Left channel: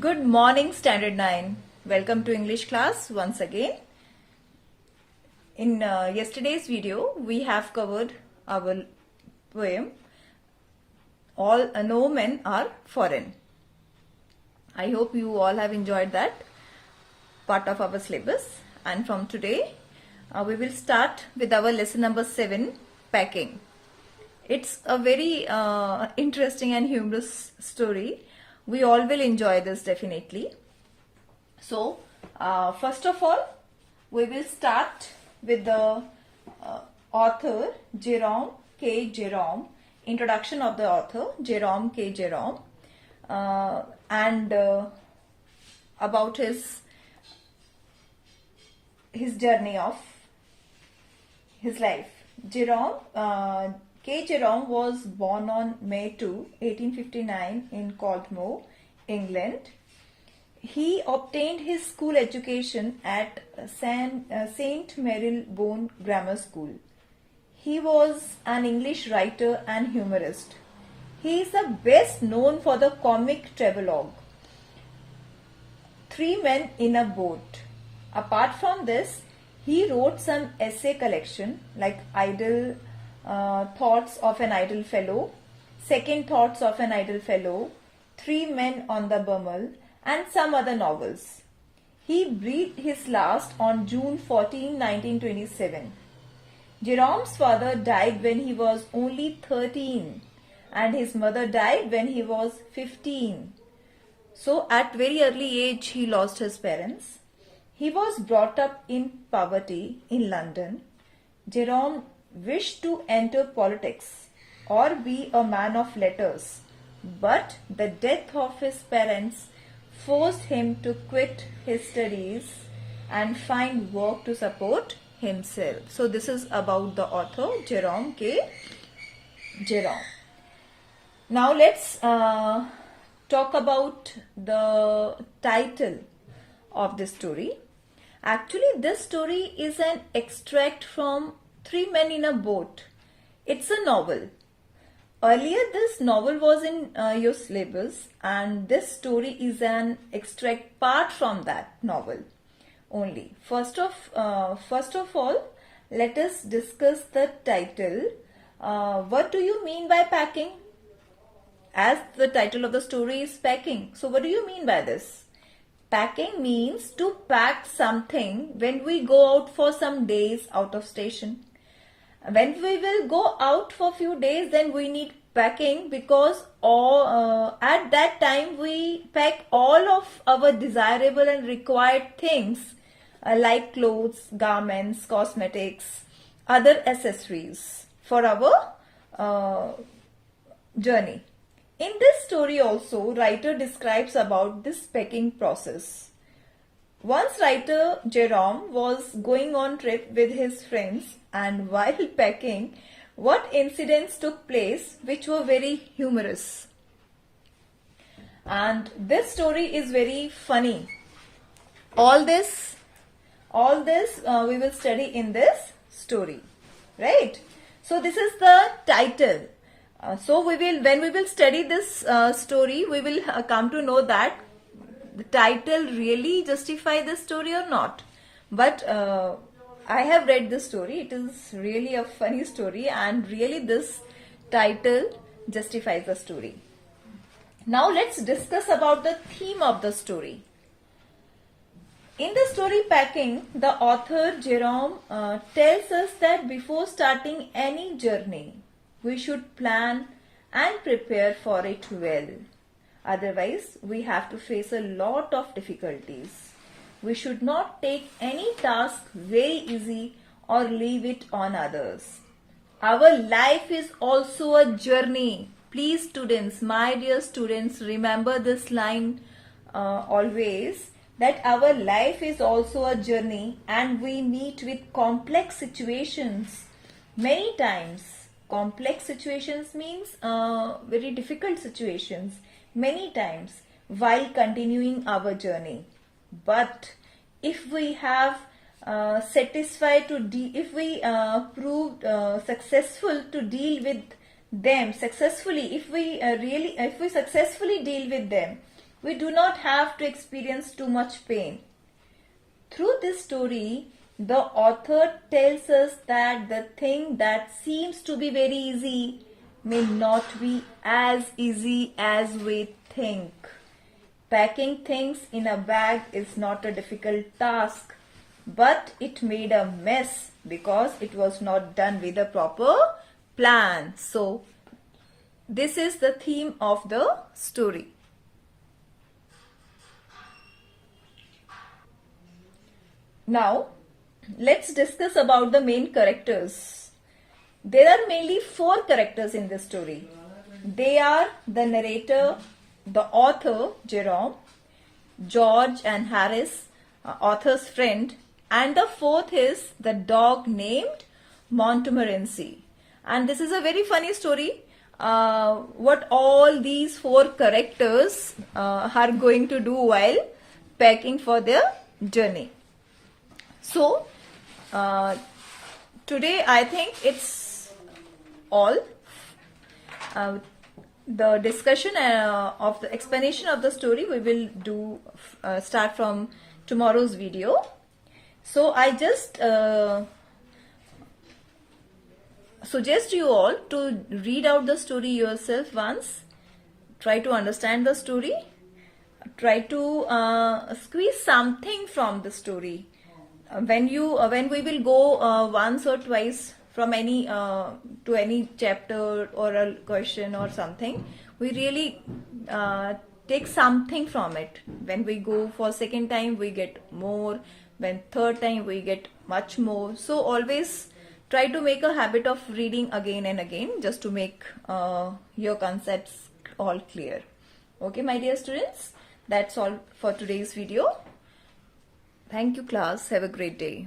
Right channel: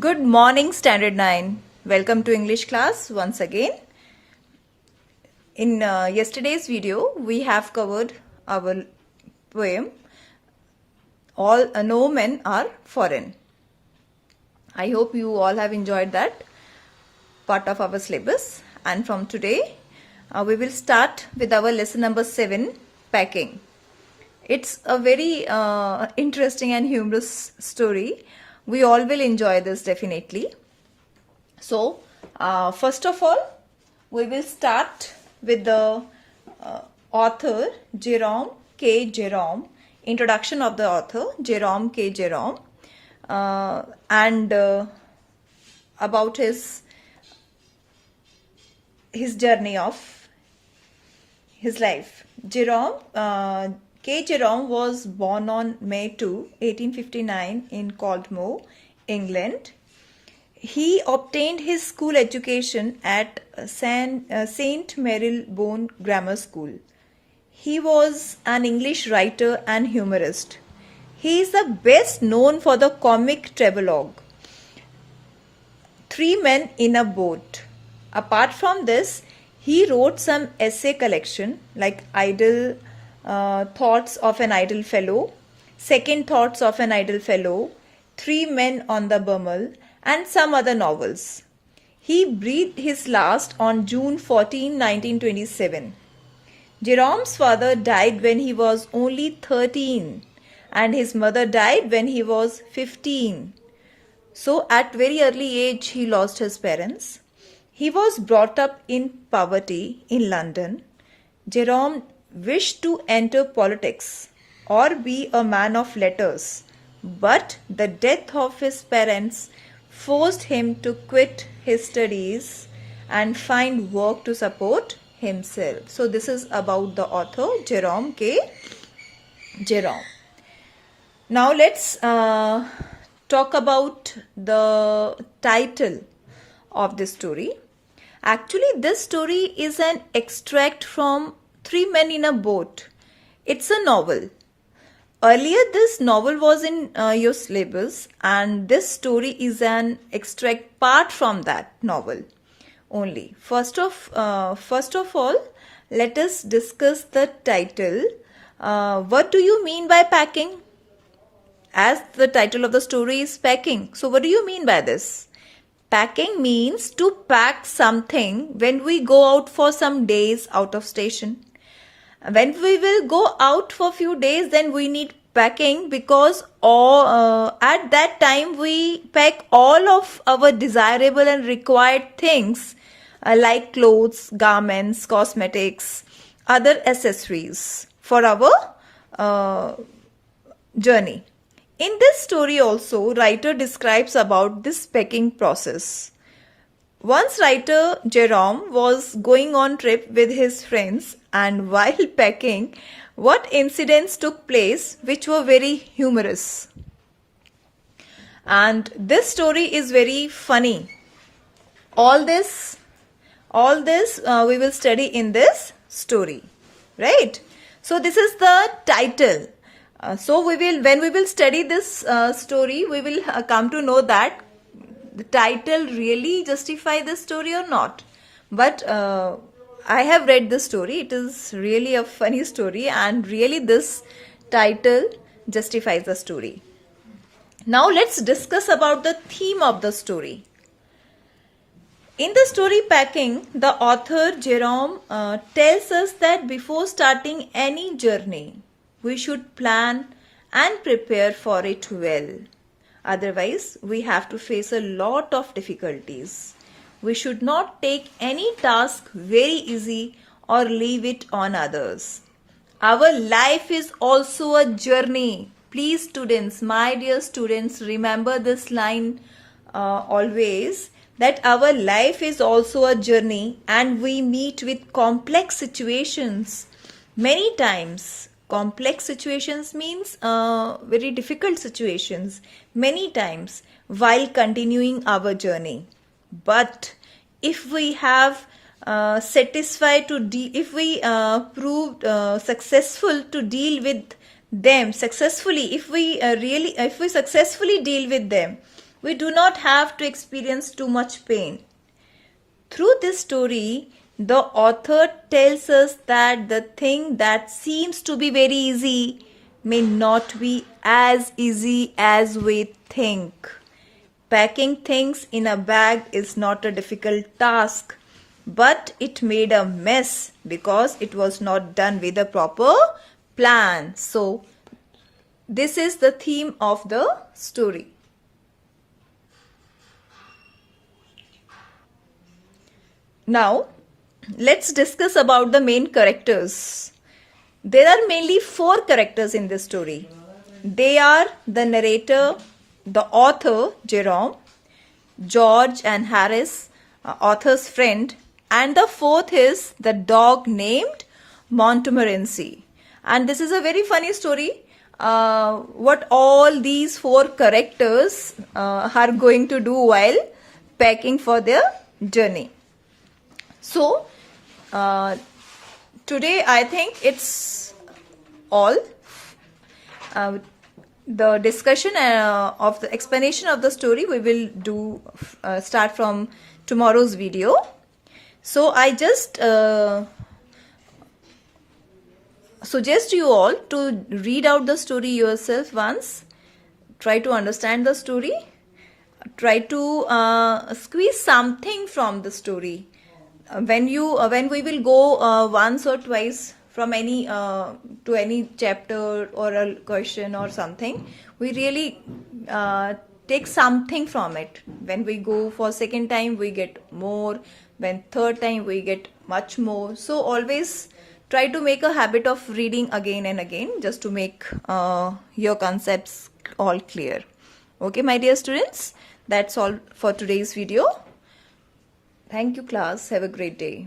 Good morning, Standard 9. Welcome to English class once again. In yesterday's video, we have covered our poem, All No Men Are Foreign. I hope you all have enjoyed that part of our syllabus. And from today, we will start with our lesson number 7, Packing. It's a very interesting and humorous story. We all will enjoy this definitely. So, first of all, we will start with the author Jerome K. Jerome, introduction of the author Jerome K. Jerome, and about his journey of his life. Jerome K. Jerome was born on May 2, 1859 in Caldmore, England. He obtained his school education at St. Marylebone Grammar School. He was an English writer and humorist. He is the best known for the comic travelogue, Three Men in a Boat. Apart from this, he wrote some essay collection like Idle Thoughts of an Idle Fellow, Second Thoughts of an Idle Fellow, Three Men on the Bummel, and some other novels. He breathed his last on June 14, 1927. Jerome's father died when he was only 13 and his mother died when he was 15. So at very early age he lost his parents. He was brought up in poverty in London. Jerome wished to enter politics or be a man of letters, but the death of his parents forced him to quit his studies and find work to support himself. So this is about the author Jerome K. Jerome. Now let's talk about the title of this story. Actually, this story is an extract from Three Men in a Boat. It's a novel. Earlier, this novel was in your syllabus, and this story is an extract part from that novel only. First of all, let us discuss the title. What do you mean by packing? As the title of the story is packing. So, what do you mean by this? Packing means to pack something when we go out for some days out of station. When we will go out for few days, then we need packing because at that time we pack all of our desirable and required things like clothes, garments, cosmetics, other accessories for our journey. In this story also, writer describes about this packing process. Once writer Jerome was going on trip with his friends, and while packing, what incidents took place which were very humorous. And this story is very funny. All this we will study in this story, right? So this is the title. So when we will study this story, we will come to know that the title really justify this story or not. But I have read this story. It is really a funny story, and really this title justifies the story. Now let's discuss about the theme of the story. In the story Packing, the author Jerome tells us that before starting any journey, we should plan and prepare for it well. Otherwise, we have to face a lot of difficulties. We should not take any task very easy or leave it on others. Our life is also a journey. Please students, my dear students, remember this line always, that our life is also a journey and we meet with complex situations many times. Complex situations means very difficult situations many times while continuing our journey. But if we have if we proved successful to deal with them successfully, if we successfully deal with them, we do not have to experience too much pain. Through this story, the author tells us that the thing that seems to be very easy may not be as easy as we think. Packing things in a bag is not a difficult task, but it made a mess because it was not done with a proper plan. So, this is the theme of the story. Now, let's discuss about the main characters. There are mainly 4 characters in this story. They are the narrator, the author, Jerome, George and Harris, author's friend, and the 4th is the dog named Montmorency. And this is a very funny story. What all these 4 characters are going to do while packing for their journey. So, today I think it's all. The discussion of the explanation of the story we will do start from tomorrow's video. So, I just suggest you all to read out the story yourself once. Try to understand the story. Try to squeeze something from the story. When we will go once or twice from any to any chapter or a question or something, we really take something from it. When we go for second time, we get more. When third time, we get much more. So always try to make a habit of reading again and again, just to make your concepts all clear. Okay, my dear students, that's all for today's video. Thank you, class. Have a great day.